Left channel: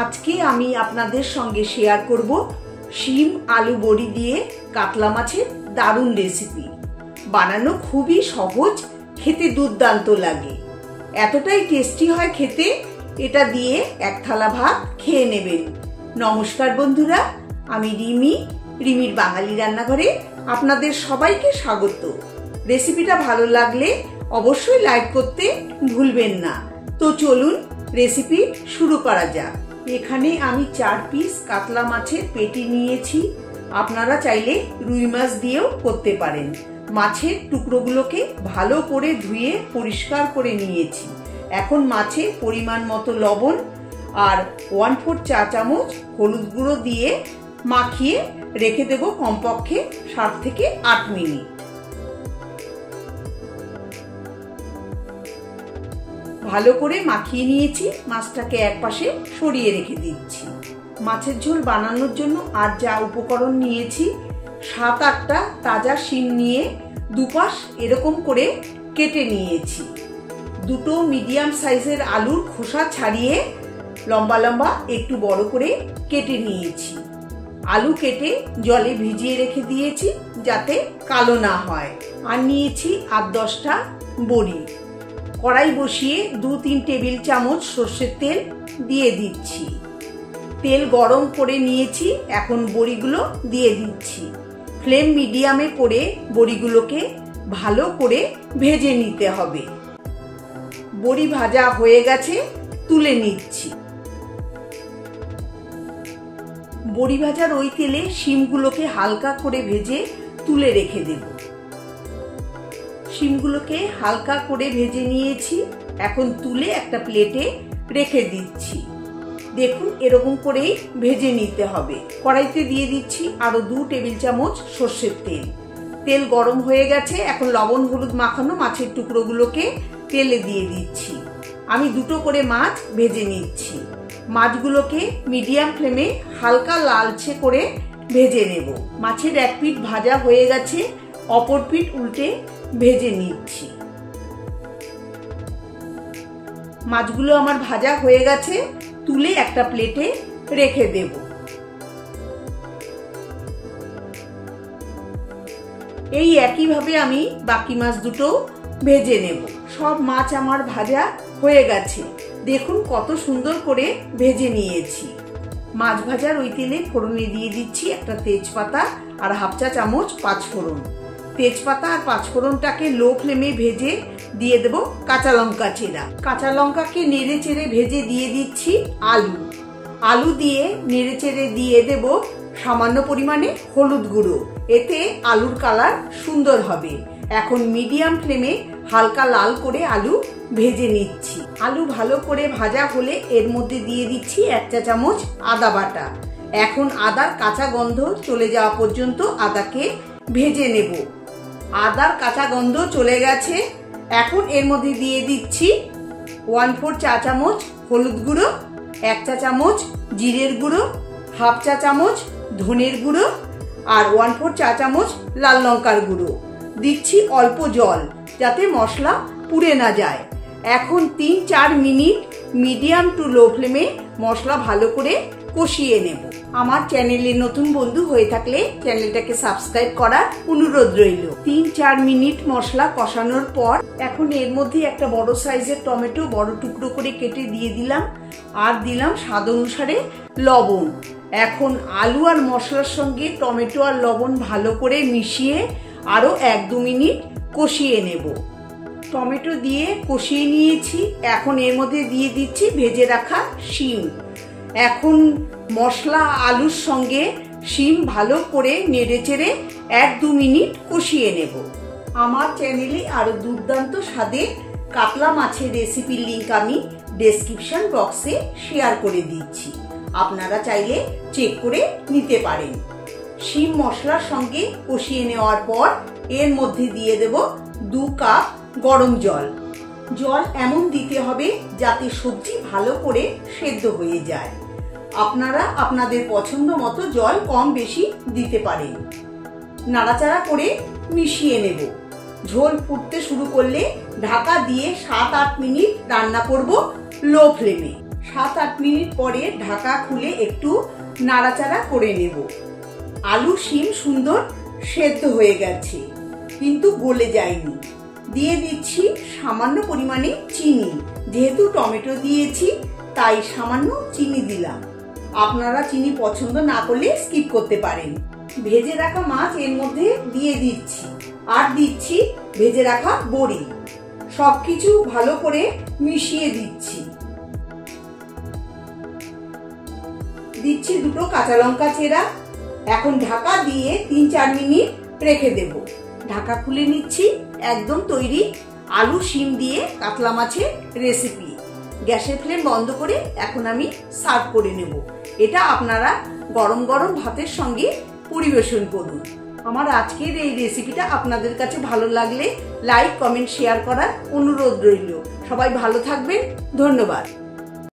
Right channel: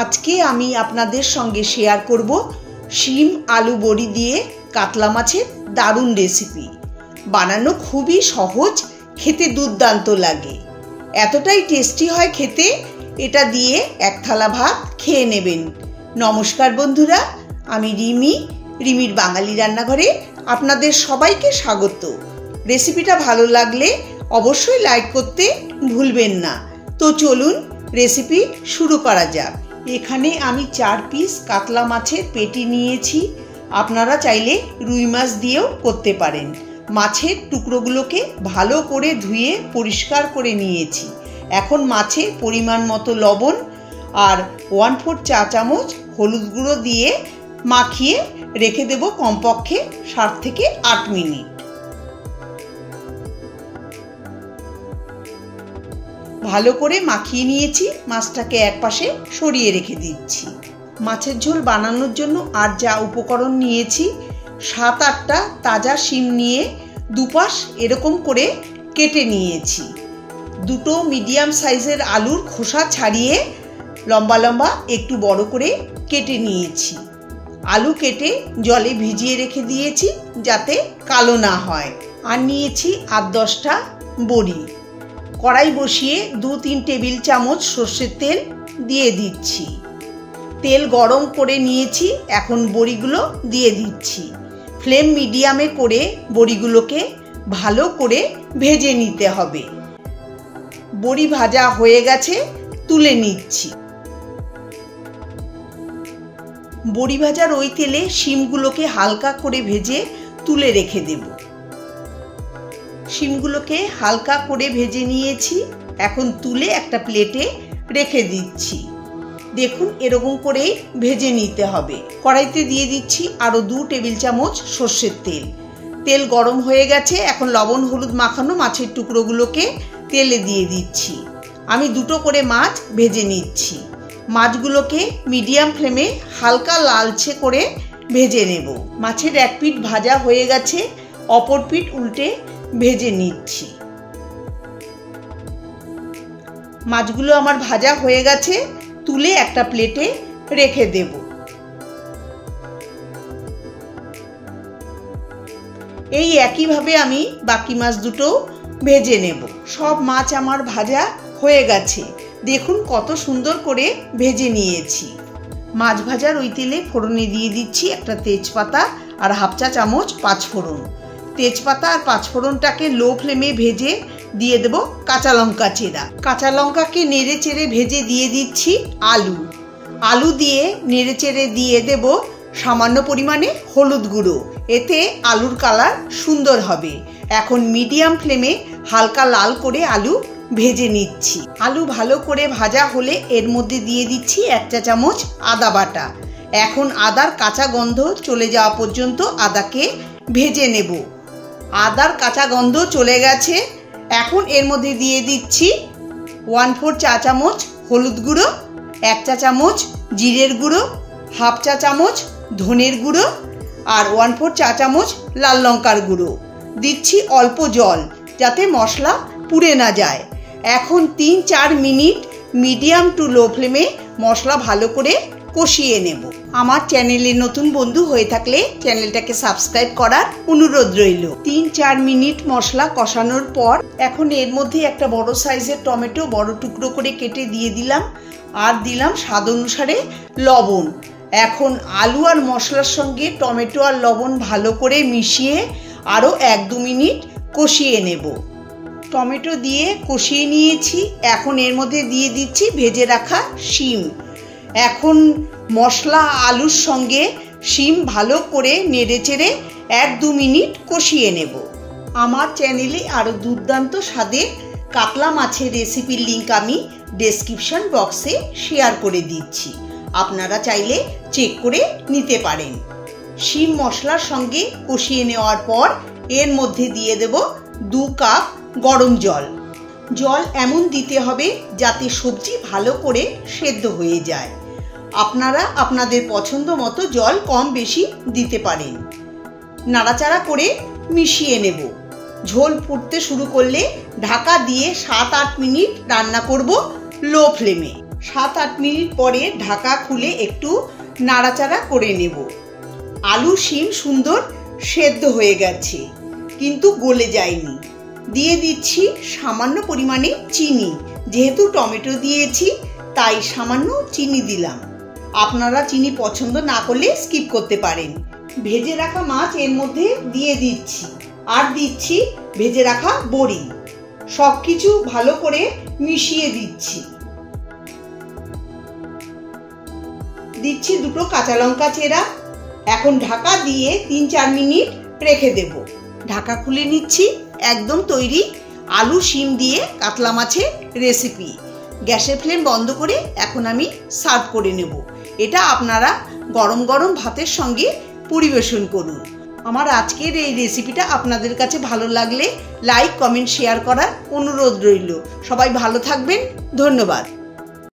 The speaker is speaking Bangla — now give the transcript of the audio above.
আজকে আমি আপনাদের সঙ্গে শেয়ার করব শিম আলু বড়ি দিয়ে কাতলা মাছের দারুণ রেসিপি। বানানো খুবই সহজ, খেতে দুর্দান্ত লাগে, এতটাই টেস্টি হয় খেতে। এটা দিয়ে এক থালা ভাত খেয়ে নেবেন। নমস্কার বন্ধুরা, আমি রিমির বাঙালি রান্নাঘরে আপনাদের সবাইকে স্বাগত। রেসিপিটা ভালো লাগলে অবশ্যই লাইক করতে ভুলবেন না। তো চলুন রেসিপি শুরু করা যাক। এখানে আমি 4 পিস কাতলা মাছের পেটি নিয়েছি। আপনারা চাইলে রুই মাছ দিয়েও করতে পারেন। মাছের টুকরোগুলোকে ভালো করে ধুয়ে পরিষ্কার করে নিয়েছি। এখন মাছে পরিমাণ মতো লবণ আর 1/4 চা চামচ হলুদ গুঁড়ো দিয়ে মাখিয়ে রেখে দেব কমপক্ষে 7 থেকে 8 মিনিট। ভালো করে মাখিয়ে নিয়েছি। মাছটাকে একপাশে সরিয়ে রেখে দিচ্ছি। মাছের ঝোল বানানোর জন্য আর যা উপকরণ নিয়েছি, 7-8টা তাজা শিম নিয়ে দুপাশ এরকম করে কেটে নিয়েছি। 2টো মিডিয়াম সাইজের আলুর খোসা ছাড়িয়ে লম্বা লম্বা একটু বড় করে কেটে নিয়েছি। আলু কেটে জলে ভিজিয়ে রেখে দিয়েছি যাতে কালো না হয়। আর নিয়েছি 8-10টা বড়ি। কড়াই বসিয়ে 2-3 টেবিল চামচ সর্ষের তেল দিয়ে দিচ্ছি। তেল গরম করে নিয়েছি, এখন বড়িগুলো দিয়ে দিচ্ছি। ফ্লেম মিডিয়ামে করে বড়িগুলোকে ভালো করে ভেজে নিতে হবে। বড়ি ভাজা হয়ে গেছে, তুলে নিচ্ছি। বড়ি ভাজার ওই তেলে শিমগুলোকে হালকা করে ভেজে তুলে রেখে দেব। শিমগুলোকে হালকা করে ভেজে নিয়েছি, এখন তুলে একটা প্লেটে রেখে দিচ্ছি। দেখুন এরকম করেই ভেজে নিতে হবে। কড়াইতে দিয়ে দিচ্ছি আরও 2 টেবিল চামচ সর্ষের তেল। তেল গরম হয়ে গেছে, এখন লবণ হলুদ মাখানো মাছের টুকরোগুলোকে তেলে দিয়ে দিচ্ছি। আমি 2টো করে মাছ ভেজে নিচ্ছি। মাছগুলোকে মিডিয়াম ফ্লেমে হালকা লালচে করে ভেজে নেব। মাছের এক পিঠ ভাজা হয়ে গেছে, অপর পিঠ উল্টে ভেজে নিচ্ছি। মাছগুলো আমার ভাজা হয়ে গেছে, তুলে একটা প্লেটে রেখে দেব। এই একইভাবে আমি বাকি মাছ দুটো ভেজে নেব। সব মাছ আমার ভাজা হয়ে গেছে, দেখুন কত সুন্দর করে ভেজে নিয়েছি। মাছ ভাজার ওই তেলে ফোড়নে দিয়ে দিচ্ছি একটা তেজপাতা আর 1/2 চা চামচ পাঁচফোড়ন। তেজপাতা আর পাঁচফোড়নটাকে লো ফ্লেমে ভেজে দিয়ে দেব কাঁচা লঙ্কা চেরা। কাঁচা লঙ্কাকে নেড়ে চেড়ে ভেজে দিয়ে দিচ্ছি আলু দিয়ে নেড়ে চেড়ে দিয়ে দেব সামান্য পরিমাণে হলুদ গুঁড়ো, এতে আলুর কালার সুন্দর হবে। এখন মিডিয়াম ফ্লেমে হালকা লাল করে আলু ভেজে নিচ্ছি। আলু ভালো করে ভাজা হলে এর মধ্যে দিয়ে দিচ্ছি 1 চা চামচ আদা বাটা। এখন আদার কাঁচা গন্ধ চলে যাওয়া পর্যন্ত আদাকে ভেজে নেব। আদার কাঁচা গন্ধ চলে গেছে, এখন এর মধ্যে দিয়ে দিচ্ছি 1/4 চা চামচ হলুদ গুঁড়ো, 1 চা চামচ জিরের গুঁড়ো, 1/2 চা চামচ ধনের গুঁড়ো আর 1/4 চা চামচ লাল লঙ্কার গুঁড়ো। দিচ্ছি অল্প জল যাতে মশলা পুড়ে না যায়। এখন 3-4 মিনিট মিডিয়াম টু লো ফ্লেমে মশলা ভালো করে কষিয়ে নেব। আমার চ্যানেলে নতুন বন্ধু হয়ে থাকলে চ্যানেলটাকে সাবস্ক্রাইব করার অনুরোধ রইল। 3-4 মিনিট মশলা কষানোর পর এখন এর মধ্যে একটা বড় সাইজের টমেটো বড় টুকরো করে কেটে দিয়ে দিলাম আর দিলাম স্বাদ অনুসারে লবণ। এখন আলু আর মশলার সঙ্গে টমেটো আর লবণ ভালো করে মিশিয়ে আরও 1-2 মিনিট কষিয়ে নেব। টমেটো দিয়ে কষিয়ে নিয়েছি, এখন এর মধ্যে দিয়ে দিচ্ছি ভেজে রাখা শিম। এখন মশলা আলুর সঙ্গে শিম ভালো করে নেড়ে চেড়ে 1-2 মিনিট কষিয়ে নেব। আমার চ্যানেলে আরও দুর্দান্ত স্বাদের কাতলা মাছের রেসিপির লিঙ্ক আমি ডেসক্রিপশন বক্সে শেয়ার করে দিচ্ছি, আপনারা চাইলে চেক করে নিতে পারেন। শিম মশলার সঙ্গে কষিয়ে নেওয়ার পর এর মধ্যে দিয়ে দেব 2 কাপ গরম জল। জল এমন দিতে হবে যাতে সবজি ভালো করে সেদ্ধ হয়ে যায়। আপনারা আপনাদের পছন্দ মতো জল কম বেশি দিতে পারেন। নাড়াচাড়া করে মিশিয়ে নেব। ঝোল ফুটতে শুরু করলে ঢাকা দিয়ে 7-8 মিনিট রান্না করব লো ফ্লেমে। 7-8 মিনিট পরে ঢাকা খুলে একটু নাড়াচাড়া করে নেব। আলু শিম সুন্দর সেদ্ধ হয়ে গেছে, কিন্তু গলে যায়নি। দিয়ে দিচ্ছি সামান্য পরিমাণে চিনি। যেহেতু টমেটো দিয়েছি তাই সামান্য চিনি দিলাম। আপনারা চিনি পছন্দ না করলে স্কিপ করতে পারেন। ভেজে রাখা মাছ এর মধ্যে দিয়ে দিচ্ছি, আর দিচ্ছি ভেজে রাখা বড়ি। সবকিছু ভালো করে মিশিয়ে দিচ্ছি। দিচ্ছি 2 কাঁচা লঙ্কা চেরা। এখন ঢাকা দিয়ে 3-4 মিনিট রেখে দেব। ঢাকা খুলে নিচ্ছি। একদম তৈরি আলু শিম দিয়ে কাতলা মাছের রেসিপি। গ্যাসের ফ্লেম বন্ধ করে এখন আমি সার্ভ করে নেব। এটা আপনারা গরম গরম ভাতের সঙ্গে পরিবেশন করুন। আমার আজকের এই রেসিপিটা আপনাদের কাছে ভালো লাগলে লাইক, কমেন্ট, শেয়ার করার অনুরোধ রইল। সবাই ভালো থাকবেন। ধন্যবাদ।